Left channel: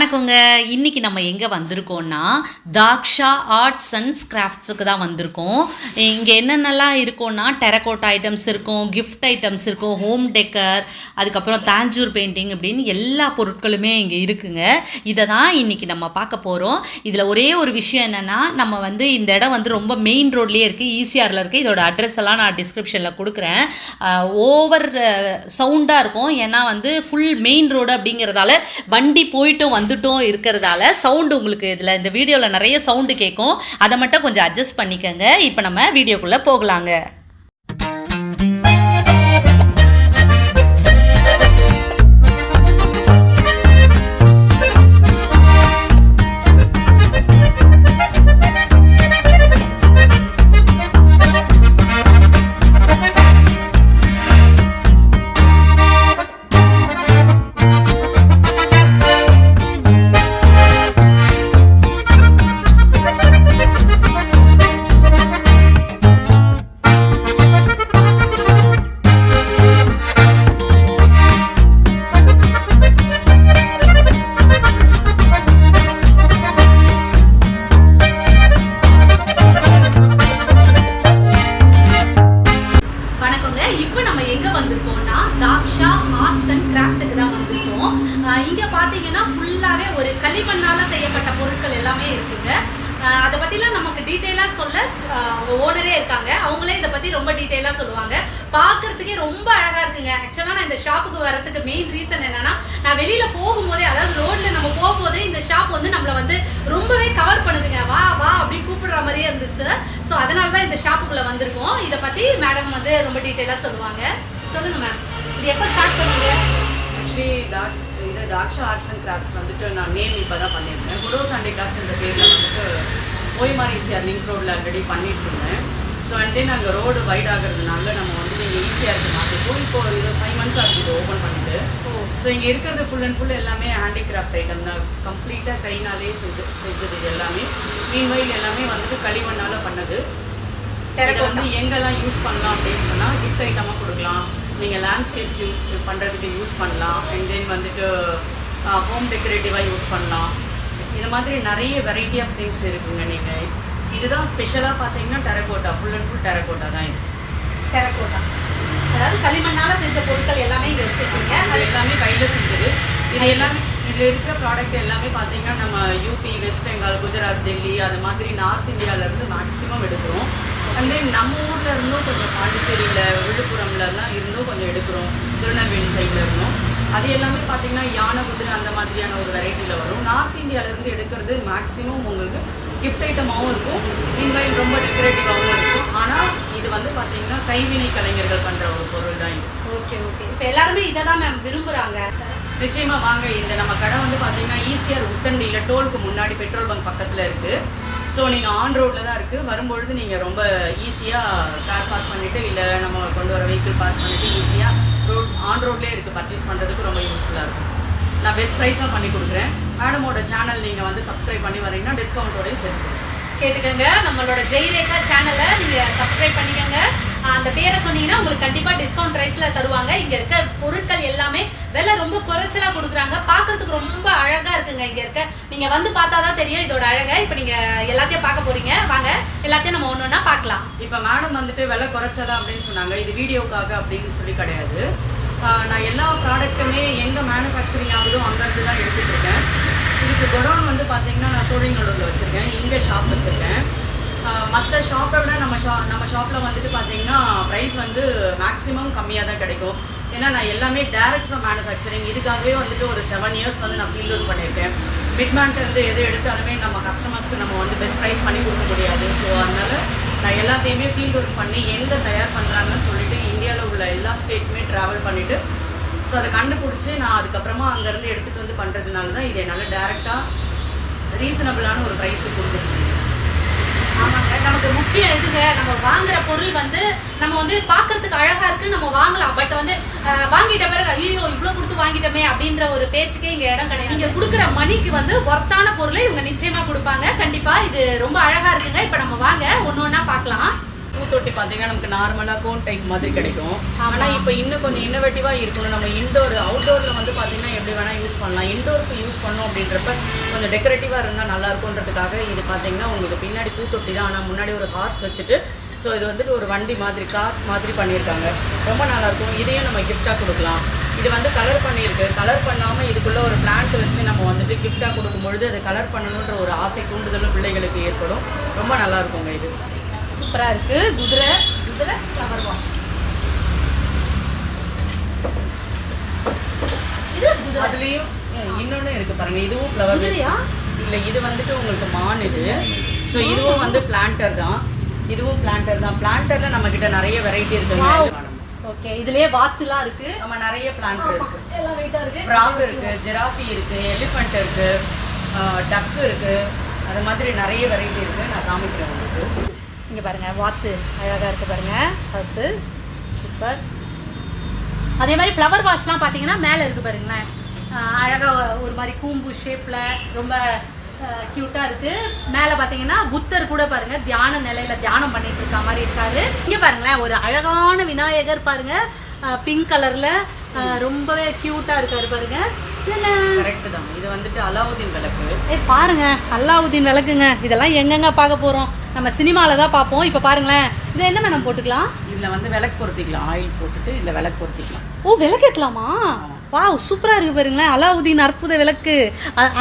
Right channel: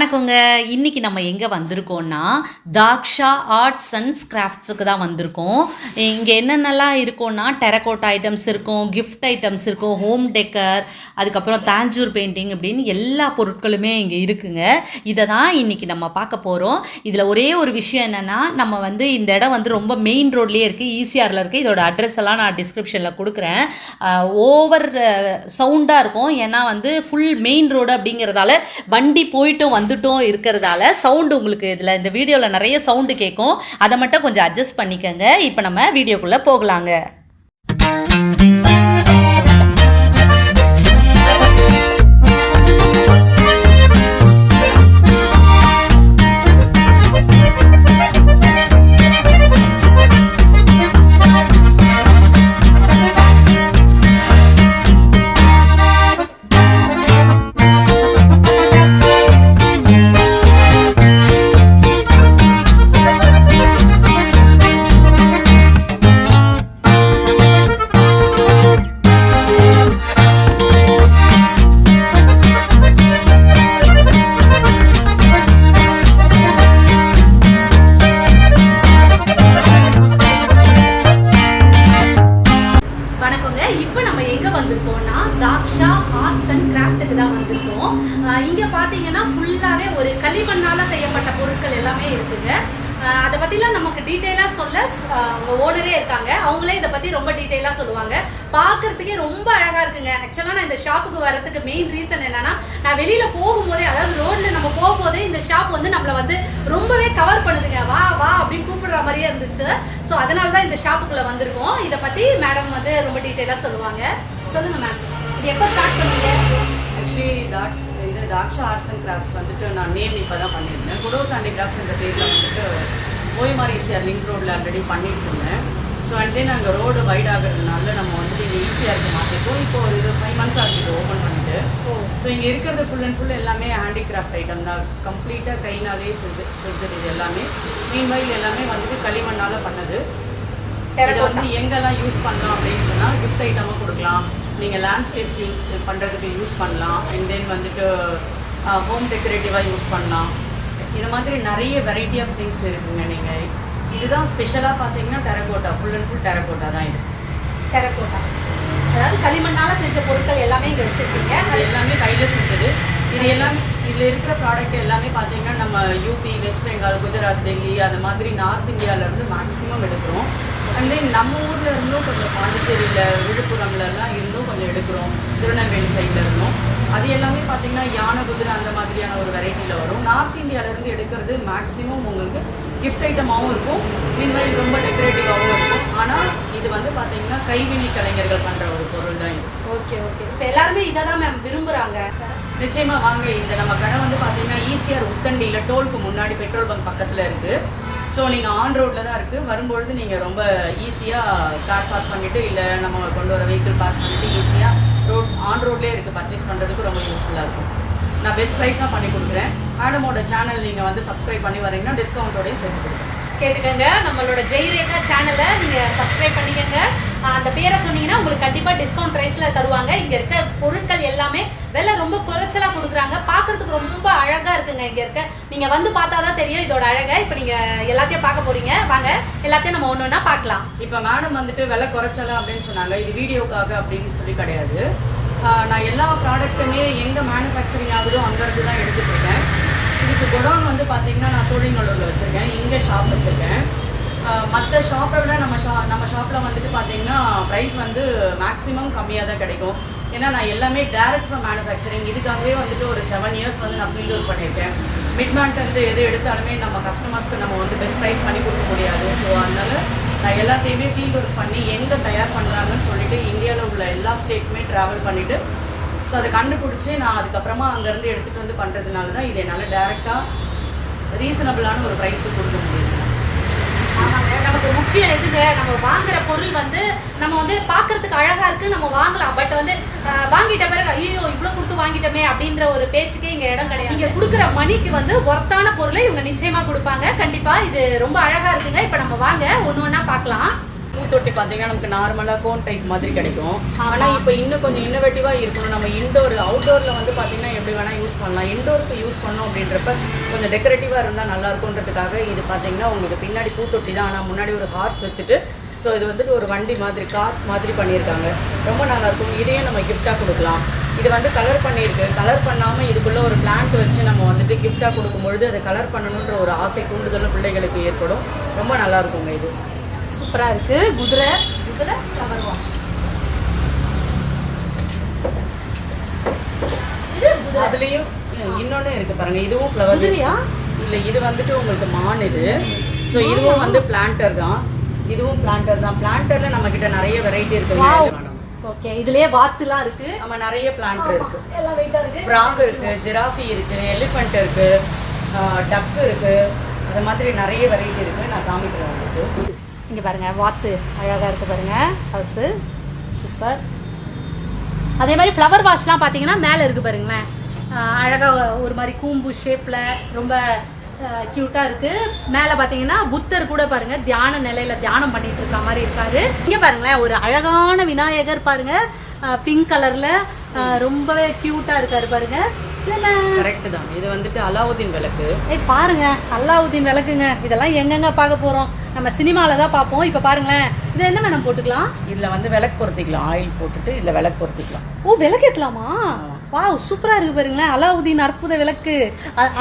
வணக்கங்க. இன்றைக்கி நம்ம எங்கே வந்திருக்கோன்னா தாக்ஷா ஆர்ட்ஸ் அண்ட் கிராஃப்ட்ஸுக்கு தான் வந்திருக்கோம். இங்கே என்னென்னலாம் இருக்கும்னா டெரகோட்டா ஐட்டம்ஸ் இருக்கும், கிஃப்ட் ஐட்டம்ஸ் இருக்கும், ஹோம் டெக்கர், அதுக்கப்புறம் தாஞ்சூர் பெயிண்டிங் அப்படின்னு எல்லா பொருட்களுமே இங்கே இருக்குங்க. இதை தான் இன்றைக்கி நம்ம பார்க்க போகிறோம். இதில் ஒரே ஒரு விஷயம் என்னென்னா, நம்ம இந்த இடம் ரொம்ப மெயின் ரோட்லேயே இருக்குது, ஈசிஆரில் இருக்குது. இதோட அட்ரஸ் எல்லாம் நான் டிஸ்கிரிப்ஷனில் கொடுக்குறேன். ஓவர் சவுண்டாக இருக்கும், ஏன்னா ஃபுல் மெயின் ரோடு அப்படிங்கிறதால வண்டி போயிட்டும் வந்துட்டும் இருக்கிறதால சவுண்டு உங்களுக்கு இதில் இந்த வீடியோவில் நிறைய சவுண்டு கேட்கும். அதை மட்டும் கொஞ்சம் அட்ஜஸ்ட் பண்ணிக்கோங்க. இப்போ நம்ம வீடியோக்குள்ளே போகலாங்க. தாக்ஷா ஆர்ட்ஸ் அண்ட் கிராஃப்ட்டுக்கு தான் வந்திருக்கோம். இங்கே பார்த்தீங்கன்னா ஃபுல்லாகவே ஒரு களிமண்ணால் செய்யப்பட்ட பொருட்கள் எல்லாமே இருக்குங்க. அதை பற்றிலாம் நமக்கு டீட்டெயிலாக சொல்ல அவங்க ஓனரே இருக்காங்க. அவங்களே இதை பற்றி ரொம்ப டீட்டெயிலாக சொல்லுவாங்க. பார்க்கறதுக்கே ரொம்ப அழகாக இருக்குங்க. ஆக்சுவலாக நான் இந்த ஷாப்புக்கு வரதுக்கு மெயின் ரீசன் என்னன்னா, நான் வெளியில் போகும்போதே, அதாவது ரோட்ல நம்ம போகும்போதே இந்த ஷாப் நம்மளை ரொம்பவே கவர் பண்ணுதுங்க. வா வா அப்படின்னு கூப்பிடுற மாதிரியே இருந்துச்சு. ஸோ அதனால தான் இந்த ஷாப்புக்குள்ளே வந்திருக்கோம். இதை பற்றி மேடம் ரொம்ப டீட்டெயிலாக சொல்லுவாங்க. சொல்லுங்க மேம், இது எப்போ ஸ்டார்ட் பண்ணுங்க? ஆக்சுவலி இது தாக்ஷா ஆர்ட்ஸ் அண்ட் கிராஃப்ட்ஸ் நான் நேம் இப்போ தான் பண்ணியிருந்தேன். குடோஸ் அண்ட் கிராஃப்ட்ஸ் என்ற பேரில் ஓய்மார் ஈசிஆர் லிங்க் ரோடில் ஆல்ரெடி பண்ணிட்டு இருந்தேன். ஸோ அண்ட் தென் அங்கே ரோடு வைட் ஆகிறதுனால நம்ம இங்கே ஈஸியாருக்கு மாற்றிப்போம். இப்போ இது 5 months ஆகுது இது ஓப்பன் பண்ணிட்டு. ஸோ இங்கே இருக்கிறது ஃபுல் அண்ட் ஃபுல் எல்லாமே ஹேண்டிகிராஃப்ட் ஐட்டம் தான். கம்ப்ளீட்டாக கைனாலே செஞ்சது இது எல்லாமே. மீன்வைல் எல்லாமே களிமண்ணால் பண்ணது. இதை எங்கெல்லாம் யூஸ் பண்ணலாம் அப்படின்னு சொன்னால், கிஃப்ட் ஐட்டமாக கொடுக்கலாம், நீங்கள் லேண்ட்ஸ்கேப்ஸ் பண்ணுறதுக்கு யூஸ் பண்ணலாம், அண்ட் தென் ஹோம் டெக்கரேட்டிவாக யூஸ் பண்ணலாம். இது மாதிரி நிறைய வெரைட்டி ஆஃப் திங்ஸ் இருக்குங்க. நீங்கள் இதுதான் ஸ்பெஷலாக பார்த்தீங்கன்னா terracotta, full and full terracotta தான் இது. டெரகோட்டா அதாவது களிமண்ணால் செஞ்ச பொருட்கள் எல்லாமே இங்கே வச்சுருக்கீங்க. அது எல்லாமே கையில் செஞ்சது. இது எல்லாமே இதில் இருக்கிற ப்ராடக்ட் எல்லாமே பார்த்தீங்கன்னா நம்ம யூபி, வெஸ்ட் பெங்கால், குஜராத், டெல்லி, அது மாதிரி நார்த் இந்தியாவிலேருந்து மேக்ஸிமம் எடுக்கிறோம். அண்ட் தென் நம்ம ஊரில் இருந்தும் கொஞ்சம் பாண்டிச்சேரியில், விழுப்புரம்லாம் இருந்தும் கொஞ்சம் எடுக்கிறோம். திருநெல்வேலி சைடில் இருந்தோம். அது எல்லாமே பார்த்தீங்கன்னா யானை, குதிரை அந்த மாதிரியான ஒரு வெரைட்டியில் வரும். நார்த் இந்தியாவிலேருந்து எடுக்கிறது மேக்ஸிமம் உங்களுக்கு கிஃப்ட் ஐட்டமாகவும் இருக்கும், மீன்வைல் ரொம்ப டெக்கரேட்டிவாகவும் இருக்கும். ஆனால் இது பார்த்தீங்கன்னா கைவினை கலைஞர்கள் பண்ணுற ஒரு பொருள் தான் இது. Okay okay. இப்போ எல்லாருமே இதை தான் மேம் விரும்புகிறாங்க. நிச்சயமாக வாங்க. இந்த நம்ம கடை பார்த்தீங்கன்னா ஈசிஆர் உத்தண்டியில் டோலுக்கு முன்னாடி பெட்ரோல் பங்க் பக்கத்தில் இருக்குது. ஸோ நீங்கள் ஆன் ரோட்டில் தான் இருக்குது. வரும்பொழுது நீங்கள் ரொம்ப ஈஸியாக கார் பார்க் பண்ணிவிட்டு, இல்லை நம்ம கொண்டு வர வெஹிக்கிள் பார்க் பண்ணிவிட்டு ஈஸியாக ஆன் ரோட்லேயே இருக்குது. பர்ச்சேஸ் பண்ணுறதுக்கு ரொம்ப யூஸ்ஃபுல்லாக இருக்கும். நான் பெஸ்ட் ப்ரைஸாக பண்ணி கொடுக்குறேன். மேடமோட சேனல் நீங்கள் சப்ஸ்கிரைப் பண்ணி வரீங்கன்னா டிஸ்கவுண்ட்டோடையும் சேர்த்து கேட்டுக்கோங்க. நம்மளோட ஜெய்ரேகா சேனலை நீங்கள் சப்ஸ்கிரைப் பண்ணிக்கோங்க. அந்த பேரை சொன்னீங்கன்னா உங்களுக்கு கண்டிப்பாக டிஸ்கவுண்ட் ப்ரைஸில் தருவாங்க. இங்கே இருக்க பொருட்கள் எல்லாமே விலை ரொம்ப குறைச்சலாக கொடுக்குறாங்க. பார்க்கறதுக்கு ரொம்ப அழகாக இருக்குங்க. இங்கே இருக்க நீங்கள் பார்த்தா தான் தெரியும் இதோட அழகை. இப்போ நீங்கள் எல்லாத்தையும் பார்க்க போறீங்க. வாங்க, எல்லாத்தையும் நம்ம ஒன்று ஒன்றா பார்க்கலாம். இப்போ மேடம் விலை குறைச்சலாம் அப்படின்னு சொன்னாங்க. இது வீடியோக்காக அப்படின்னு சொல்லி கிடையாது. நான் எல்லா ப்ராடக்ட்டுமே எங்கே மேனுஃபேக்சரிங் ஆகுதோ அங்கேருந்து தான் எடுத்துகிட்டு இருக்கேன். இதுக்கு குடோன் பார்த்தீங்கன்னா நான் சோழிங்கநல்லூரில் வச்சுருக்கேன். இங்கே ஷாப் வச்சுருக்கேன். மற்ற ஷாப்பை விட நம்ம ஷாப்பில் பார்த்தீங்கன்னா ப்ரைஸ் மேக்ஸிமம் கம்மியாக தான் கிடைக்கும். ஏன்னா நான் எல்லாமே டேரக்ட் ஃப்ரம் மேனுஃபேக்சரிங். இதுக்காகவே ஒரு 7 years நான் ஃபீல்ட் ஒர்க் பண்ணியிருக்கேன். மிட்மேன்ட்டு எது எடுத்தாலுமே நம்ம கஸ்டமர்ஸ்க்கு நம்ம பெஸ்ட் ப்ரைஸ் பண்ணி கொடுக்க முடியாது. ஸோ அதனால் நான் எல்லாத்தையுமே ஃபீல்ட் ஒர்க் பண்ணி எங்கே தயார் பண்ணுறாங்கன்னு சொல்லிட்டு இந்தியாவில் உள்ள எல்லா ஸ்டேட்டுமே ட்ராவல் பண்ணிவிட்டு, ஸோ அதை கண்டுபிடிச்சி நான் அதுக்கப்புறமா அங்கேருந்து எடுத்துகிட்டு பண்ணுறதுனால தான் இதை என்னால் டேரெக்டாக ரீசனபிளான ஒரு ப்ரைஸுக்கு கொடுக்க முடியும். ஆமாங்க, நமக்கு முக்கியம் இதுங்க. நம்ம வாங்குற பொருள் நம்ம பார்க்கறதுக்கு அழகா இருக்கு, நம்ம வாங்கலாம். பட் வாங்கிட்ட பிறகு ஐயோ இவ்வளவு கொடுத்து வாங்கிட்டோமே அப்படின்ற ஒரு பேச்சுக்கே இங்க இடம் கிடையாது. இங்க கொடுக்குற மணிக்கு ஒர்த்தான பொருளை இவங்க நிச்சயமா கொடுப்பாங்க. கண்டிப்பா இது ரொம்ப அழகா இருக்குங்க. இப்ப நம்ம வாங்க ஒண்ணு ஒண்ணா பார்க்கலாம். பூத்தொட்டி பார்த்தீங்கன்னா நமக்கு நார்மலாக கோன் டைப் மாதிரி கிடைக்கும். ஆனால் இப்போ இன்னும் கொஞ்சம் இன்னோவேட்டிவாக இருக்கணும். நம்ம இன்டோர் அவுட்டோரில் வந்து பார்த்தீங்கன்னா எப்படி வேணால் யூஸ் பண்ணலாம். இன்டோருக்கு யூஸ் பண்ணோம் அப்படின்றப்ப கொஞ்சம் டெக்கரேட்டிவாக இருந்தால் நல்லா இருக்குன்றதுக்காக இது பார்த்தீங்கன்னா உங்களுக்கு பின்னாடி பூத்தொட்டி தான், ஆனால் முன்னாடி ஒரு ஹார்ஸ் வச்சுட்டு ஸோ இது வந்துட்டு ஒரு வண்டி மாதிரி கார் மாதிரி பண்ணியிருக்காங்க. ரொம்ப நல்லாயிருக்கும். இதையும் நம்ம கிஃப்டாக கொடுக்கலாம். இது வந்து கலர் பண்ணியிருக்கு. கலர் பண்ணாமல் இதுக்குள்ளே ஒரு பிளான்ட் வச்சு நம்ம வந்துட்டு கிஃப்டாக கொடுக்கும்பொழுது அதை கலர் பண்ணணுன்ற ஒரு ஆசை தூண்டுதலும் பிள்ளைகளுக்கு ஏற்படும். ரொம்ப நல்லா இருக்குங்க. இது சூப்பராக இருக்குது. குதிரை ஃப்ளவர் வாஷ். அதுலேயும் இன்னொன்று இருக்குது பாருங்கள். இதுவும் ஃப்ளவர் இல்லை, இது வந்துட்டு உங்களுக்கு மான் இது. ஸோ இதுவும் வந்து பிளான்டர் தான். இதுவும் பிளான்டர் தான். பிளான்டரில் நம்மக்கிட்ட நிறைய வெரைட்டி இருக்குங்க. ஓகே, இதுலயே வாத்துலாம் இருக்கு. நம்ம நிறைய பிளான்ட் இருக்கு. எல்லாம் வெயிட்டா இருக்கு. ஃப்ராக் இருக்கு, ஜிராஃபி இருக்கு, எலிஃபண்ட் இருக்கு, டக் இருக்கு. அது மாதிரி நிறைய வெரைட்டி இருக்கு. நான் காமிக்கிறேன் உங்களுக்கு. இங்க பாருங்க, வாத்து அழகா இருக்கு பாருங்க. அது சூப்பர். அதே மாதிரி ஃப்ளவர் வாஷ்லாம் பார்த்தீங்கன்னா மேலே இருக்கு பாருங்களேன். அழகாக ஒரு மாதிரி கூம்பு ஷேப்பில் ரொம்ப க்யூட்டாக இருக்குது. மேலே பார்த்தீங்கன்னா புத்தர் கூட பாருங்க தியான நிலையில தியானம் பண்ணிட்டு இருக்க மாதிரி இருக்காரு. இங்கே பாருங்களேன், ஒரு அழகான விநாயகர் பாருங்க, பிங்க் கலரில் ரொம்பவே க்யூட்டாக இருக்காரு பாருங்க. கரெக்ட் தான். இது வந்துட்டு அலாவுதீன் விளக்கு. பாருங்க, அலாவுதீன் விளக்குங்க. இதெல்லாம் எங்கெங்க பார்க்க போறோம்? நம்ம சினிமால தான் பார்ப்போம். இப்போ பாருங்களேன், இது என்ன வேணும் போட்டுக்கலாம்? இதுல வந்து விளக்கு பொருத்திக்கலாம். ஆயில் போட்டுட்டு இல்ல விளக்கு பொருத்திக்கலாம். ஓ, விளக்கு ஏத்தலாமா? வாவ், சூப்பரா இருக்கு பாருங்களேன். அலாவுதீன் அற்புத விளக்கு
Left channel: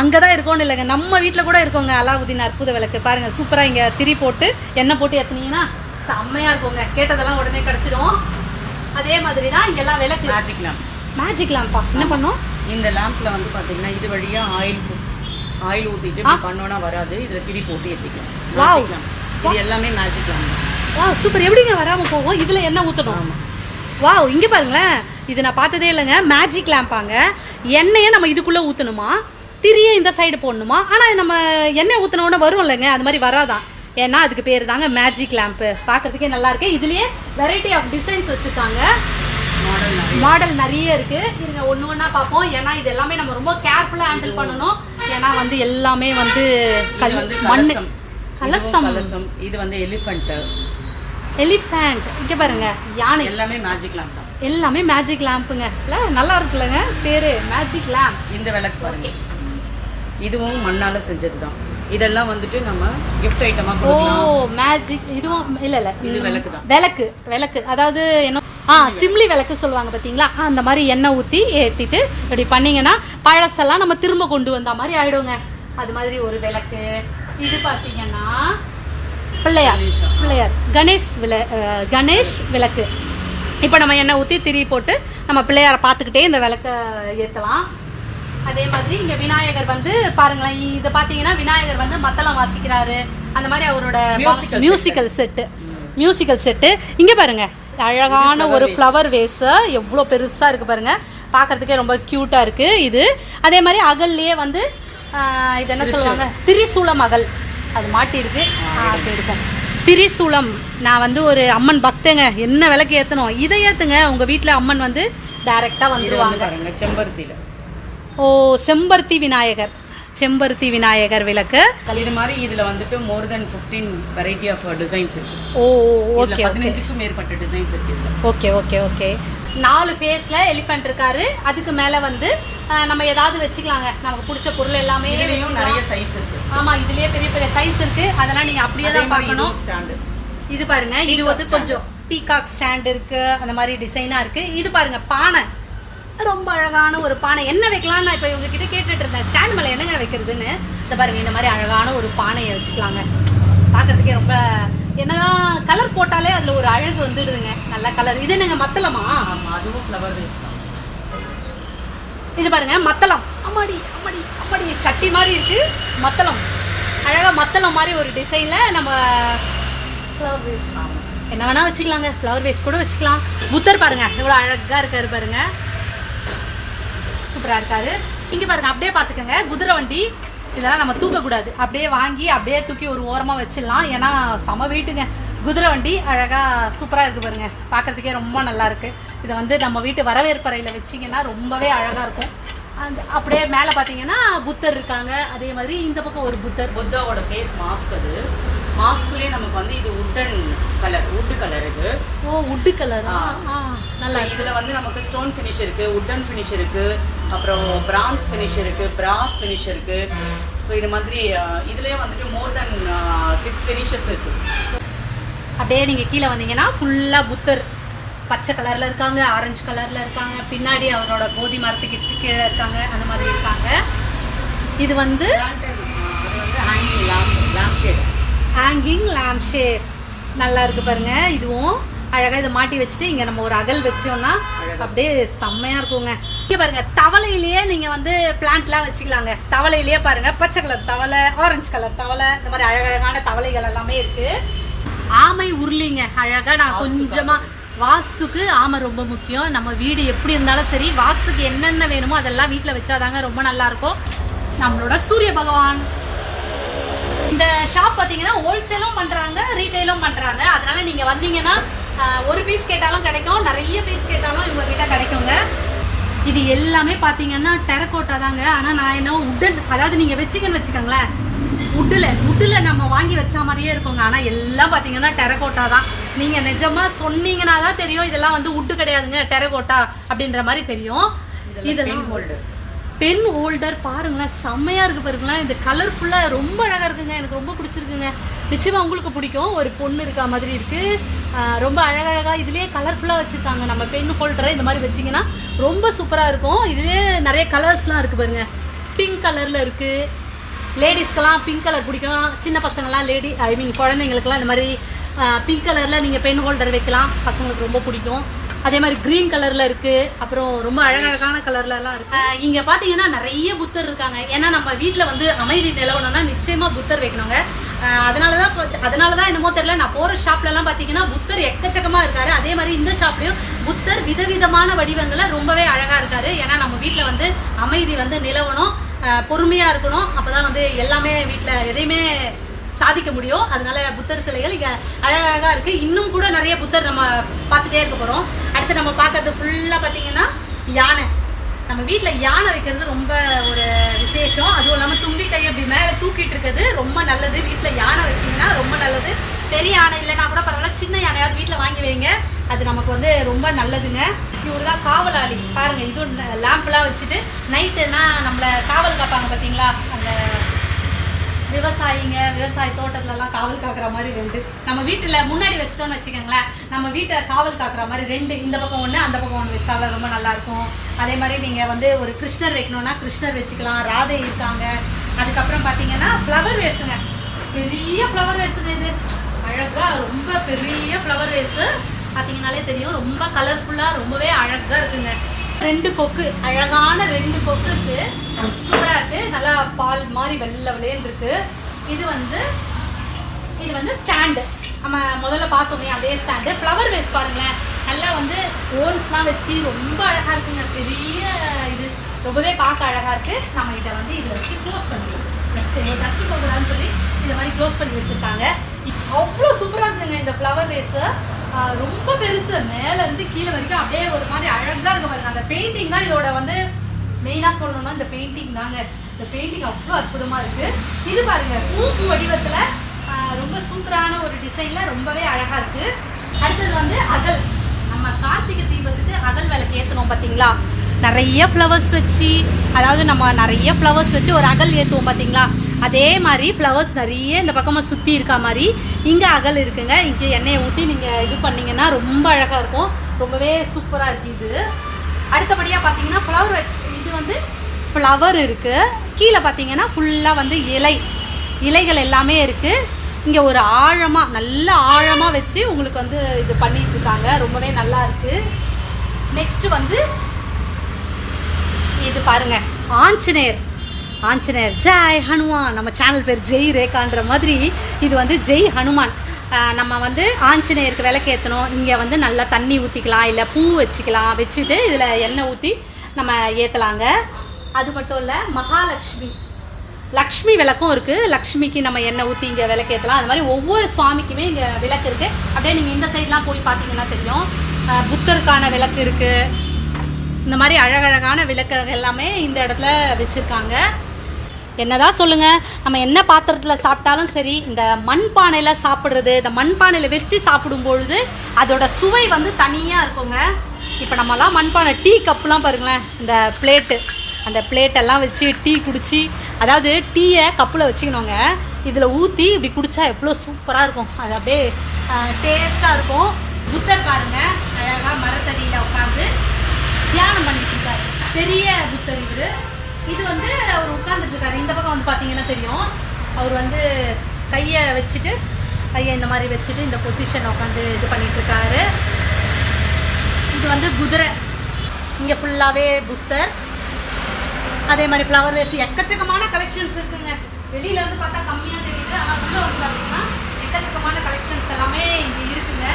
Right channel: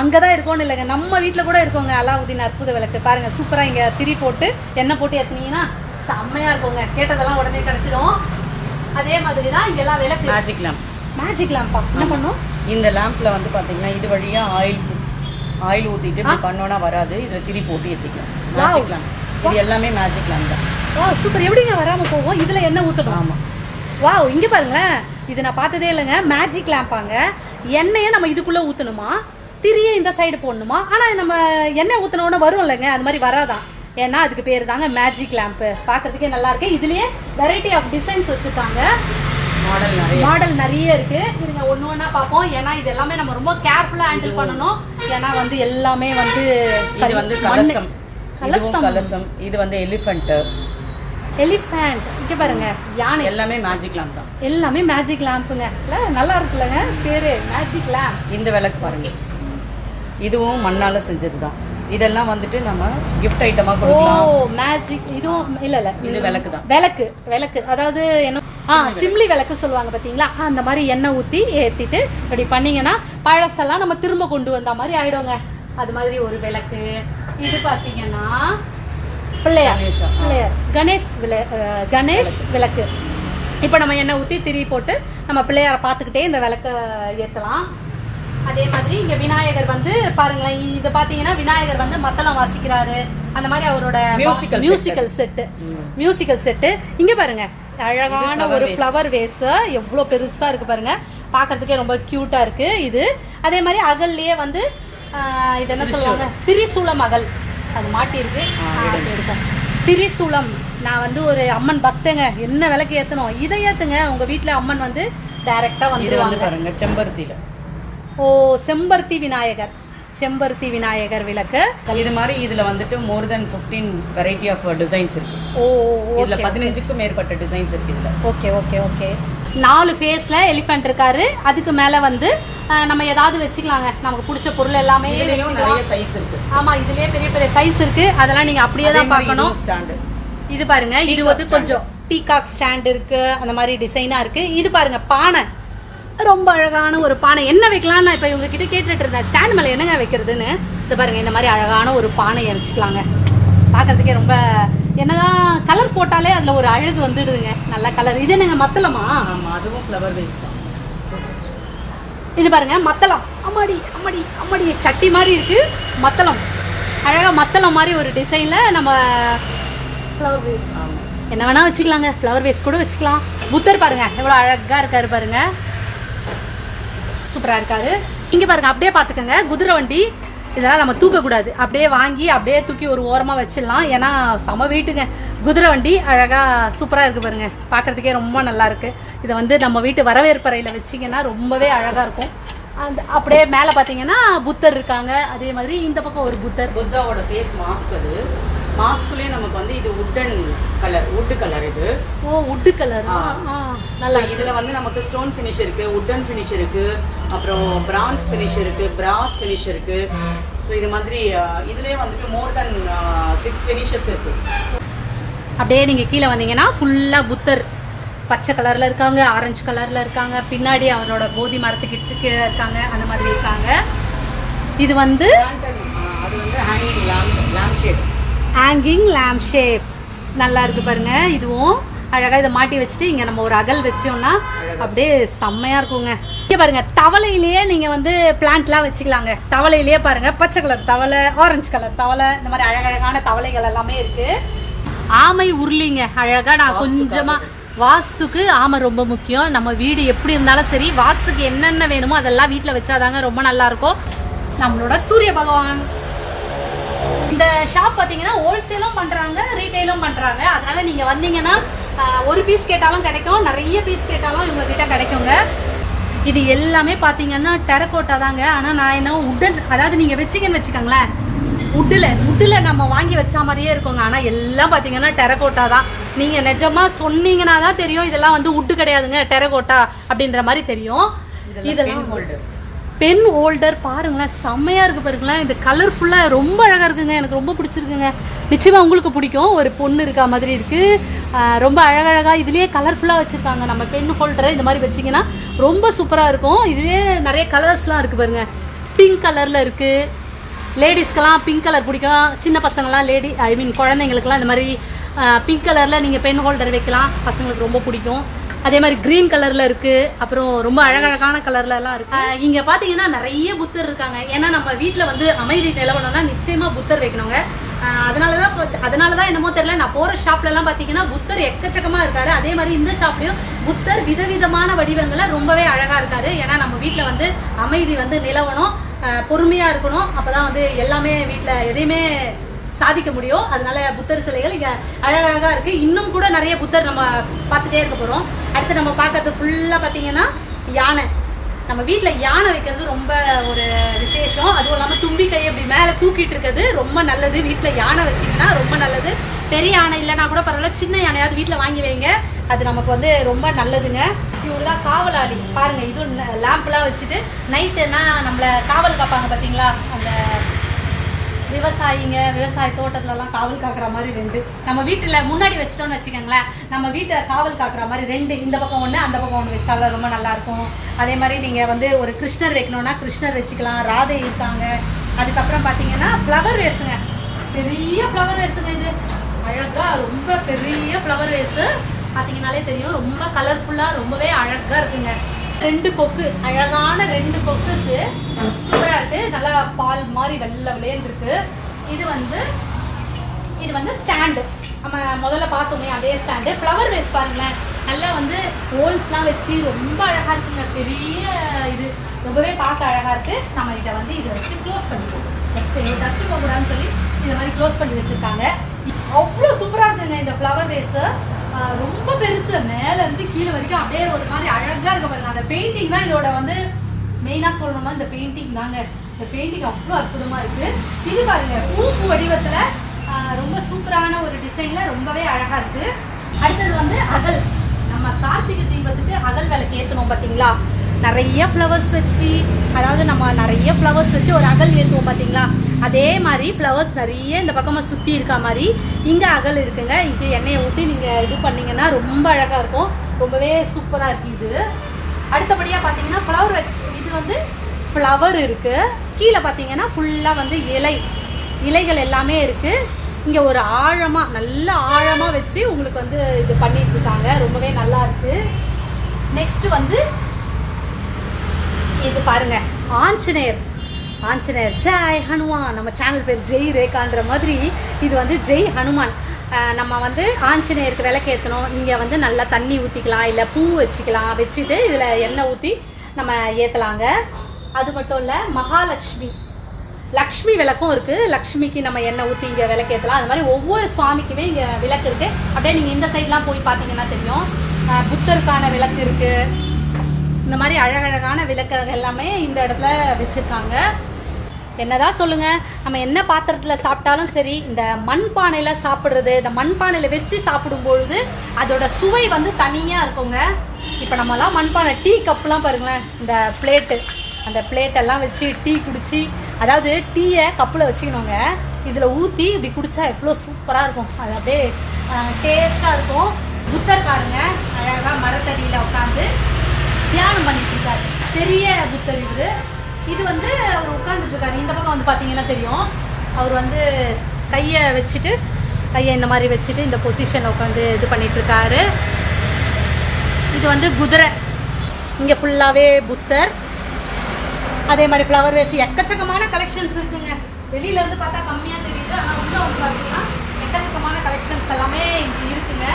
அங்கதான் இருக்கோன்னு இல்லைங்க, நம்ம வீட்டுல கூட இருக்கோங்க அலாவுதீன் அற்புத விளக்கு. பாருங்க, சூப்பரா இங்க திரி போட்டு எண்ணெய் போட்டு ஏத்துனீங்கன்னா செம்மையா இருக்குங்க. கேட்டதெல்லாம் உடனே கிடைச்சிடும். அதே மாதிரி தான் இங்க எல்லாம் விளக்கு. Magic lamp. மேஜிக் லேம்பா? என்ன பண்ணோம்? இந்த லேம்ப்ல வந்து பாத்தீங்கன்னா இது வழியா ஆயில் ஊத்திட்டு இப்படி பண்ணோம்னா வராது. இதுல திரி போட்டு ஏத்திக்கலாம். Magic lamp. இது எல்லாமே மேஜிக் லேம்ப் தான். Wow, super. எப்படிங்க வராம போகும்? இதுல என்ன ஊத்தணும்? ஆமா. வாவ், இங்க பாருங்களேன், இது நான் பார்த்ததே இல்லைங்க. மேஜிக் லேம்பாங்க. எண்ணெயை நம்ம இதுக்குள்ள ஊத்தணுமா, திரியை இந்த சைடு போடணுமா? ஆனா நம்ம எண்ணெய் ஊத்தினோட வரும் இல்லைங்க, அது மாதிரி வராதான். ஏன்னா அதுக்கு பேர் தாங்க மேஜிக் லேம்ப். பார்க்கறதுக்கே நல்லா இருக்கு. இதுலயே வெரைட்டி ஆஃப் டிசைன்ஸ் வச்சிருக்காங்க. மாடல் நிறைய இருக்கு. இருங்க ஒண்ணு ஒண்ணா பார்ப்போம். ஏன்னா இது எல்லாமே நம்ம ரொம்ப கேர்ஃபுல்லா ஹேண்டில் பண்ணணும். ஏன்னா வந்து எல்லாமே வந்து கலசம். இது வந்து எலிஃபண்ட். இங்க பாருங்க, யானை. எல்லாமே மேஜிக் லேம்ப் தான். எல்லாமே மேஜிக் லேம்புங்க. நல்லா இருக்குல்லங்க பேரு, மேஜிக் லேம்ப். இந்த விளக்கு பாருங்க, இதுவும் மண்ணால செஞ்சதுதான். இதெல்லாம் வந்துட்டு நம்ம gift ஐட்டமா கொடுக்கலாம். ஓ, மேஜிக். இதுவும் இல்ல இது விளக்கு தான். விளக்கு அதாவது என்ன, சிம்லி விளக்கு சொல்லுவாங்க பாத்தீங்களா? அந்த மாதிரி எண்ணெய் ஊத்தி ஏத்திட்டு இப்படி பண்ணீங்கன்னா பழசெல்லாம் நம்ம திரும்ப கொண்டு வந்த மாதிரி ஆயிடுங்க. அது மாதிரி ஒரு விளக்கு. இது பாத்தீங்கன்னா பிள்ளையார் கணேஷ் விளக்கு. இப்போ நம்ம எண்ணெய் ஊற்றி திரி போட்டு நம்ம பிள்ளையாரை பார்த்துக்கிட்டே இந்த விளக்கை ஏற்றலாம். அதே மாதிரி இங்கே விநாயகர் வந்து பாருங்களேன், இதை பார்த்தீங்கன்னா விநாயகர் வந்து மத்தளம் வாசிக்கிறாரு. அந்த மாதிரி அவரோட மியூசிக்கல் செட்டு. இங்கே பாருங்க, அழகான ஒரு ஃப்ளவர் வேஸ் எவ்வளோ பெருசாக இருக்கு பாருங்க. பார்க்கறதுக்கே ரொம்ப க்யூட்டாக இருக்கு இது. அதே மாதிரி அகல்லையே வந்து இது என்ன சொல்லுவாங்க, திரிசூலம் அகல் அது மாட்டிருக்கு. திரிசூலம். நான் வந்து ஒரு அம்மன் பக்தங்க. என்ன விளக்கு ஏத்தணும், இதை ஏத்துங்க. உங்க வீட்டுல அம்மன் வந்து டைரக்டா வந்து செம்பருத்தில. ஓ, செம்பருத்தி விநாயகர் விளக்கு. இது மாதிரி இதுல வந்துட்டு more than 15 variety of designs இருக்கு. ஓ, இதுல 15க்கும் மேற்பட்ட டிசைன்ஸ் இருக்கு. ஓகே. 4 ஃபேஸ்ல எலிஃபண்ட் இருக்காரு. அதுக்கு மேல வந்து நம்ம ஏதாவது வச்சுக்கலாங்க. நமக்கு பிடிச்ச பொருள் எல்லாமே நிறைய சைஸ் இருக்கு. ஆமா, இதுலயே பெரிய பெரிய சைஸ் இருக்கு. அதெல்லாம் நீங்க அப்படியே தான் பார்க்கணும். இது பாருங்க, இது வந்து கொஞ்சம் பீகாக் ஸ்டாண்ட் இருக்கு. அந்த மாதிரி டிசைனா இருக்கு. இது பாருங்க, பானை. ரொம்ப அழகான ஒரு பானை. என்ன வைக்கலாம் நான் இப்போ இவங்ககிட்ட கேட்டுட்டு இருந்தேன், ஸ்டாண்ட் மேலே என்னங்க வைக்கிறதுன்னு. இது பாருங்க, இந்த மாதிரி அழகான ஒரு பானையை வச்சுக்கலாங்க. பார்க்கறதுக்கே ரொம்ப என்னதான் கலர் போட்டாலே அதில் ஒரு அழகு வந்துடுதுங்க. நல்ல கலர். இது என்னங்க மத்தளமா? அதுவும் ஃப்ளவர் வேஸ் தான். இது பாருங்க, மத்தளம். அம்மாடி சட்டி மாதிரி இருக்கு. மத்தளம் அழகா, மத்தளம் மாதிரி ஒரு டிசைன்ல நம்ம ஃப்ளவர் வேஸ் என்ன வேணா வச்சுக்கலாங்க. ஃப்ளவர் வேஸ் கூட வச்சுக்கலாம். புத்தர் பாருங்க எவ்வளோ அழகா இருக்காரு பாருங்க, சூப்பரா இருக்காரு. இங்க பாருங்க, அப்படியே பாத்துக்கோங்க, குதிரை வண்டி. இதெல்லாம் நம்ம தூக்கக்கூடாது, அப்படியே வாங்கி அப்படியே தூக்கி ஒரு ஓரமா வச்சிடலாம். ஏன்னா சம வீட்டுங்க. குதிரை வண்டி அழகா சூப்பரா இருக்கு பாருங்க, பாக்குறதுக்கே ரொம்ப நல்லா இருக்கு. இதை வந்து நம்ம வீட்டு வரவேற்பறையில வச்சிங்கன்னா ரொம்பவே அழகா இருக்கும். அந்த அப்படியே மேலே பார்த்தீங்கன்னா புத்தர் இருக்காங்க. அதே மாதிரி இந்த பக்கம் ஒரு புத்தாவோட ஃபேஸ் மாஸ்க். அது மாஸ்க்குள்ளேயே நமக்கு வந்து இது வுட் கலர் இது. ஓ வுட் கலர். நல்லா இதில் வந்து நமக்கு ஸ்டோன் ஃபினிஷ் இருக்குது, வுட்டன் ஃபினிஷ் இருக்குது, அப்புறம் பிரான்ஸ் ஃபினிஷ் இருக்குது, பிராஸ் ஃபினிஷ் இருக்குது. ஸோ இது மாதிரி இதுலேயே வந்துட்டு மோர் தென் 6 ஃபினிஷஸ் இருக்குது. அப்படியே நீங்கள் கீழே வந்தீங்கன்னா ஃபுல்லாக புத்தர் பச்சை கலரில் இருக்காங்க, ஆரஞ்சு கலரில் இருக்காங்க, பின்னாடி அவரோட போதி மரத்துக்கு கீழே இருக்காங்க, அந்த மாதிரி இருக்காங்க. இது வந்து அது வந்து ஹேங்கிங் லேம்ப் ஷேப் நல்லா இருக்கு பாருங்க. இதுவும் அழகாக இதை மாட்டி வச்சுட்டு இங்கே நம்ம ஒரு அகல் வச்சோம்னா அப்படியே செம்மையாக இருக்குங்க. இங்கே பாருங்க தவளையிலேயே நீங்கள் வந்து பிளான்ட்லாம் வச்சுக்கலாங்க. தவளையிலேயே பாருங்க பச்சை கலர் தவளை, ஆரஞ்சு கலர் தவளை, இந்த மாதிரி அழகழகான தவளைகள் எல்லாமே இருக்கு. ஆமை உருளிங்க அழகா. நான் கொஞ்சமா வாஸ்துக்கு ஆமை ரொம்ப முக்கியம். நம்ம வீடு எப்படி இருந்தாலும் சரி வாஸ்துக்கு என்னென்ன வேணுமோ அதெல்லாம் வீட்டில் வச்சாதாங்க ரொம்ப நல்லா இருக்கும். நம்மளோட சூரிய பகவான். இந்த ஷாப் பார்த்தீங்கன்னா ஹோல்சேலும் பண்ணுறாங்க, ரீட்டைலும் பண்ணுறாங்க. அதனால நீங்கள் வந்தீங்கன்னா ஒரு பீஸ் கேட்டாலும் கிடைக்கும், நிறைய பீஸ் கேட்டாலும் இவங்க கிட்ட கிடைக்குங்க. இது எல்லாமே பார்த்தீங்கன்னா டெரக்கோட்டா தாங்க. ஆனால் நான் என்ன உட்டன், அதாவது நீங்கள் வச்சிங்கன்னு வச்சுக்கோங்களேன், உட்டில் நம்ம வாங்கி வச்ச மாதிரியே இருக்குங்க. ஆனால் எல்லாம் பார்த்தீங்கன்னா டெரக்கோட்டா தான். நீங்கள் நிஜமாக சொன்னீங்கன்னா தான் தெரியும் இதெல்லாம் வந்து உட்டு கிடையாதுங்க, டெரக்கோட்டா அப்படின்ற மாதிரி தெரியும். இதெல்லாம் பென் ஹோல்டர் பாருங்களேன், செம்மையாக இருக்குது பாருங்களேன். இந்த கலர்ஃபுல்லாக ரொம்ப அழகாக இருக்குங்க, எனக்கு ரொம்ப பிடிச்சிருக்குங்க. நிச்சயமாக உங்களுக்கு பிடிக்கும். ஒரு பொண்ணு இருக்கா மாதிரி இருக்குது, ரொம்ப அழகழகாக இதுலேயே கலர்ஃபுல்லாக வச்சுருக்காங்க. நம்ம பென் ஹோல்டரை இந்த மாதிரி வச்சிங்கன்னா ரொம்ப சூப்பராக இருக்கும். இதுலேயே நிறைய கலர்ஸ்லாம் இருக்குது பாருங்க. பிங்க் கலரில் இருக்குது, லேடிஸ்க்கெல்லாம் பிங்க் கலர் பிடிக்கும். சின்ன பசங்களாம் குழந்தைங்களுக்குலாம் இந்த மாதிரி பிங்க் கலரில் நீங்கள் பென் ஹோல்டர் வைக்கலாம், பசங்களுக்கு ரொம்ப பிடிக்கும். அதே மாதிரி க்ரீன் கலரில் இருக்குது, அப்புறம் ரொம்ப அழகழகான கலர்லலாம் இருக்குது. இங்கே பார்த்தீங்கன்னா நிறைய புத்தர் இருக்காங்க. ஏன்னா நம்ம வீட்டில் வந்து அமைதி நிலவணும்னா நிச்சயமாக புத்தர் வைக்கணுங்க. அதனால தான் என்னமோ தெரியல, நான் போகிற ஷாப்லலாம் பார்த்தீங்கன்னா புத்தர் எக்கச்சக்கமாக இருக்காரு. அதே மாதிரி இந்த ஷாப்லேயும் புத்தர் விதவிதமான வடிவங்களில் ரொம்பவே அழகாக இருக்காரு. ஏன்னா நம்ம வீட்டில் வந்து அமைதி வந்து நிலவணும், பொறுமையாக இருக்கணும். அப்போ தான் வந்து எல்லாமே வீட்டில் எதையுமே சாதிக்க முடியும். அதனால புத்தர் சிலைகள் இங்கே அழகழகாக இருக்குது. இன்னும் கூட நிறைய புத்தர் நம்ம பார்த்துட்டே இருக்க போகிறோம். அடுத்து நம்ம பார்க்கறது ஃபுல்லாக பார்த்தீங்கன்னா யானை. நம்ம வீட்டில் யானை வைக்கிறது ரொம்ப ஒரு விசேஷம். அதுவும் இல்லாமல் தும்பிக்கை அப்படி மேலே தூக்கிட்டு இருக்கிறது ரொம்ப நல்லது. வீட்டில் யானை வச்சிங்கன்னா ரொம்ப நல்லது. பெரிய யானை இல்லைனா கூட பரவாயில்ல, சின்ன யானையாவது வீட்டில் வாங்கி வைங்க, அது நமக்கு வந்து ரொம்ப நல்லதுங்க. இவர் தான் காவலாளி பாருங்க. இதுவும் லேம்ப்லாம் வச்சுட்டு நைட்டுனா நம்மளை காவல் காப்பாங்க பார்த்தீங்களா, அந்த விவசாய தோட்டத்துலலாம் காவல் காக்குற மாதிரி 2 நம்ம வீட்டில் முன்னாடி வச்சிட்டோம்னு வச்சுக்கோங்களேன், நம்ம வீட்டை காவல் காக்குற மாதிரி 2, இந்த பக்கம் 1 அந்த பக்கம் 1 வச்சாலும் ரொம்ப நல்லாயிருக்கும். அதே மாதிரி நீங்கள் வந்து ஒரு கிருஷ்ணர் வைக்கணும்னா கிருஷ்ணர் வச்சுக்கலாம், ராதை இருக்காங்க. அதுக்கப்புறம் பார்த்தீங்கன்னா ஃப்ளவர் வேஸுங்க, பெரிய ஃப்ளவர் வேஸுங்க. இது அழகாக ரொம்ப பெரிய ஃப்ளவர் வேஸு பார்த்தீங்கன்னாலே தெரியும், ரொம்ப கலர்ஃபுல்லாக ரொம்பவே அழகாக இருக்குங்க. 2 கொக்கு, அழகான 2 கொக்கு இருக்கு, சூப்பராக இருக்கு. நல்லா பால் மாதிரி வெள்ளை வெள்ளைன்னு இருக்கு. இது வந்து ஸ்டாண்டு, நம்ம முதல்ல பார்த்தோமே அதே ஸ்டாண்டு. ஃப்ளவர் வேஸ் பாருங்களேன், நல்லா வந்து ஹோல்ஸ்லாம் வச்சு ரொம்ப அழகாக இருக்குங்க. பெரிய இது ரொம்பவே பார்க்க அழகாக இருக்கு. நம்ம இதை வந்து இதை வச்சு க்ளோஸ் பண்ணிடலாம். டஸ்ட் போகக்கூடாதுன்னு சொல்லி இதை மாதிரி க்ளோஸ் பண்ணி வச்சிருக்காங்க. அவ்வளோ சூப்பராக இருக்குங்க இந்த ஃப்ளவர் வேஸு. ரொம்ப பெருசு, மேல இருந்து கீழே வரைக்கும் அப்படியே ஒரு மாதிரி அழகா இருக்க பாருங்க. அந்த பெயிண்டிங் தான் இதோட வந்து மெயினா சொல்லணும்னா இந்த பெயிண்டிங் தாங்க. இந்த பெயிண்டிங் அவ்வளோ அற்புதமா இருக்கு. இது பாருங்க பூ வடிவத்துல ரொம்ப சூப்பரான ஒரு டிசைன்ல ரொம்பவே அழகா இருக்கு. அடுத்தது வந்து அகல். நம்ம கார்த்திகை தீபத்துக்கு அகல் விளக்கு ஏற்றணும் பார்த்தீங்களா, நிறைய ஃப்ளவர்ஸ் வச்சு, அதாவது நம்ம நிறைய ஃப்ளவர்ஸ் வச்சு ஒரு அகல் ஏற்றுவோம் பார்த்தீங்களா, அதே மாதிரி ஃப்ளவர்ஸ் நிறைய இந்த பக்கமாக சுற்றி இருக்க மாதிரி இங்கே அகல் இருக்குங்க. இங்கே எண்ணெயை ஊற்றி நீங்கள் இது பண்ணிங்கன்னா ரொம்ப அழகாக இருக்கும், ரொம்பவே சூப்பராக இருக்குது. இது அடுத்தபடியாக பார்த்தீங்கன்னா ஃப்ளவர் வச்சு, இது வந்து ஃப்ளவர் இருக்குது. கீழே பார்த்தீங்கன்னா ஃபுல்லாக வந்து இலைகள் எல்லாமே இருக்குது. இங்கே ஒரு நல்ல ஆழமாக வச்சு உங்களுக்கு வந்து இது பண்ணிட்டு இருக்காங்க, ரொம்பவே நல்லா இருக்குது. நெக்ஸ்ட் வந்து இது பாருங்க, ஆஞ்சநேயர் ஜெய் ஹனுமான். நம்ம சேனல் பேர் ஜெய் ரேகான்ற மாதிரி இது வந்து ஜெய் ஹனுமான். நம்ம வந்து ஆஞ்சநேயருக்கு விளக்கு ஏற்றணும். இங்கே வந்து நல்லா தண்ணி ஊற்றிக்கலாம், இல்லை பூ வச்சுக்கலாம், வச்சுட்டு இதில் எண்ணெய் ஊற்றி நம்ம ஏற்றலாங்க. அது மட்டும் இல்லை, லக்ஷ்மி விளக்கும் இருக்குது. லக்ஷ்மிக்கு நம்ம எண்ணெய் ஊற்றி இங்கே விளக்கு ஏற்றலாம். அது மாதிரி ஒவ்வொரு சுவாமிக்குமே இங்கே விளக்கு இருக்குது. அப்படியே நீங்கள் இந்த சைட்லாம் போய் பார்த்தீங்கன்னா தெரியும், புத்தருக்கான விளக்கு இருக்குது. இந்த மாதிரி அழகழகான விளக்கு எல்லாமே இந்த இடத்துல வச்சுருக்காங்க. என்னதான் சொல்லுங்கள், நம்ம என்ன பாத்திரத்தில் சாப்பிட்டாலும் சரி, இந்த மண்பானையில் சாப்பிட்றது, இந்த மண்பானையில் வச்சு சாப்பிடும்பொழுது அதோட சுவை வந்து தனியாக இருக்குங்க. இப்போ நம்மலாம் மண்பானை டீ கப்புலாம் பாருங்களேன், இந்த பிளேட்டு, அந்த பிளேட்டெல்லாம் வச்சு டீ குடிச்சு, அதாவது டீயை கப்பில் வச்சுக்கணுங்க, இதில் ஊற்றி இப்படி குடித்தா எவ்வளோ சூப்பராக இருக்கும். அது அப்படியே டேஸ்ட்டாக இருக்கும். புத்தர் பாருங்க அழகாக மரத்தடியில் உட்காந்து தியானம் பண்ணிட்டு இருக்காரு. பெரிய புத்தர் இவர். இது வந்து அவர் உட்காந்துட்டு இருக்காரு. இந்த பக்கம் வந்து பார்த்தீங்கன்னா தெரியும், அவர் வந்து கையை வச்சுட்டு, கையை இந்த மாதிரி வச்சுட்டு இந்த பொசிஷனில் உட்காந்து இது பண்ணிட்டு இருக்காரு. இது வந்து குதிரை. இங்கே ஃபுல்லாகவே புத்தர். அதே மாதிரி ஃப்ளவர் வேஸ், எக்கச்சக்கமான கலெக்ஷன்ஸ் இருக்குங்க. வெளியிலேருந்து பார்த்தா கம்மியாக தெரியுது, ஆனால் உள்ள வந்து பார்த்தீங்கன்னா எக்கச்சக்கமான கலெக்ஷன்ஸ் எல்லாமே இங்கே இருக்குங்க.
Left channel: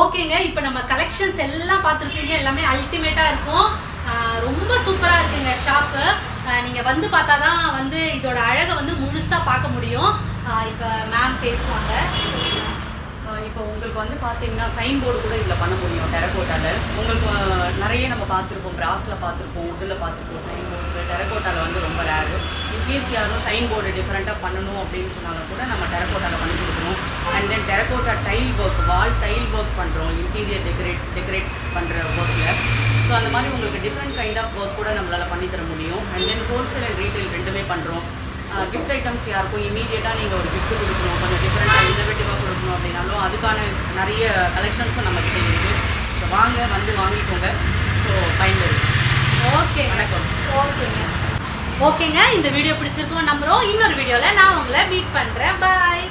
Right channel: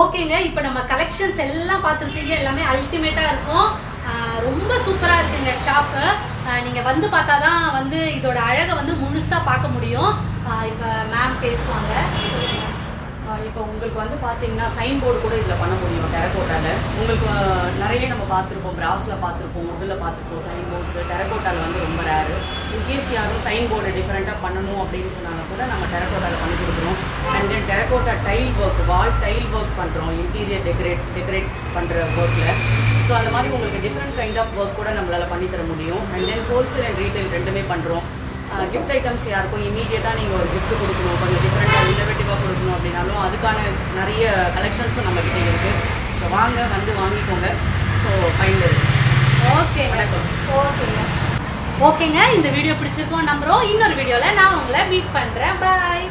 ஓகேங்க, இப்போ நம்ம கலெக்ஷன்ஸ் எல்லாம் பார்த்துருப்பீங்க. எல்லாமே அல்டிமேட்டாக இருக்கும். ரொம்ப சூப்பராக இருக்குங்க ஷாப்பு. நீங்கள் வந்து பார்த்தா தான் வந்து இதோட அழகை வந்து முழுசாக பார்க்க முடியும். இப்போ மேம் பேசுவாங்க. இப்போ உங்களுக்கு வந்து பார்த்தீங்கன்னா சைன் போர்டு கூட இதில் பண்ண முடியும் டெரகோட்டாவில். உங்களுக்கு நிறைய நம்ம பார்த்துருப்போம், பிராஸில் பார்த்துருப்போம், உட்டில் பார்த்துருப்போம் சைன் போர்ட்ஸு. டெரகோட்டாவில் வந்து ரொம்ப ரேரு. இன்கேஸ் யாரும் சைன் போர்டு டிஃப்ரெண்ட்டாக பண்ணணும் அப்படின்னு சொன்னாங்க கூட நம்ம டெரகோட்டாவில் பண்ணி கொடுக்குறோம். And then terracotta tail work, wall tail work பண்ணுறோம், இன்டீரியர் டெக்கரேட் பண்ணுற ஒர்க்கில். ஸோ அந்த மாதிரி உங்களுக்கு டிஃப்ரெண்ட் கைண்ட் ஆஃப் ஒர்க் கூட நம்மளால் பண்ணித்தர முடியும். And then wholesale and retail ரெண்டுமே பண்ணுறோம். கிஃப்ட் ஐட்டம்ஸ் யாருக்கும் இமீடியட்டாக நீங்கள் ஒரு கிஃப்ட் கொடுக்கணும், கொஞ்சம் டிஃப்ரெண்ட்டாக இன்னோவேட்டிவாக கொடுக்கணும் அப்படின்னாலும் அதுக்கான நிறைய கலெக்ஷன்ஸும் நம்மக்கிட்ட இருக்குது. ஸோ வாங்க, வந்து வாங்கிக்கோங்க. ஸோ ஃபைனல் இருக்குது. ஓகேங்க, ஓகேங்க, இந்த வீடியோ பிடிச்சிருக்கோம் நம்புகிறோம். இன்னொரு வீடியோவில் நான் உங்களை மீட் பண்ணுறேன். பாய்.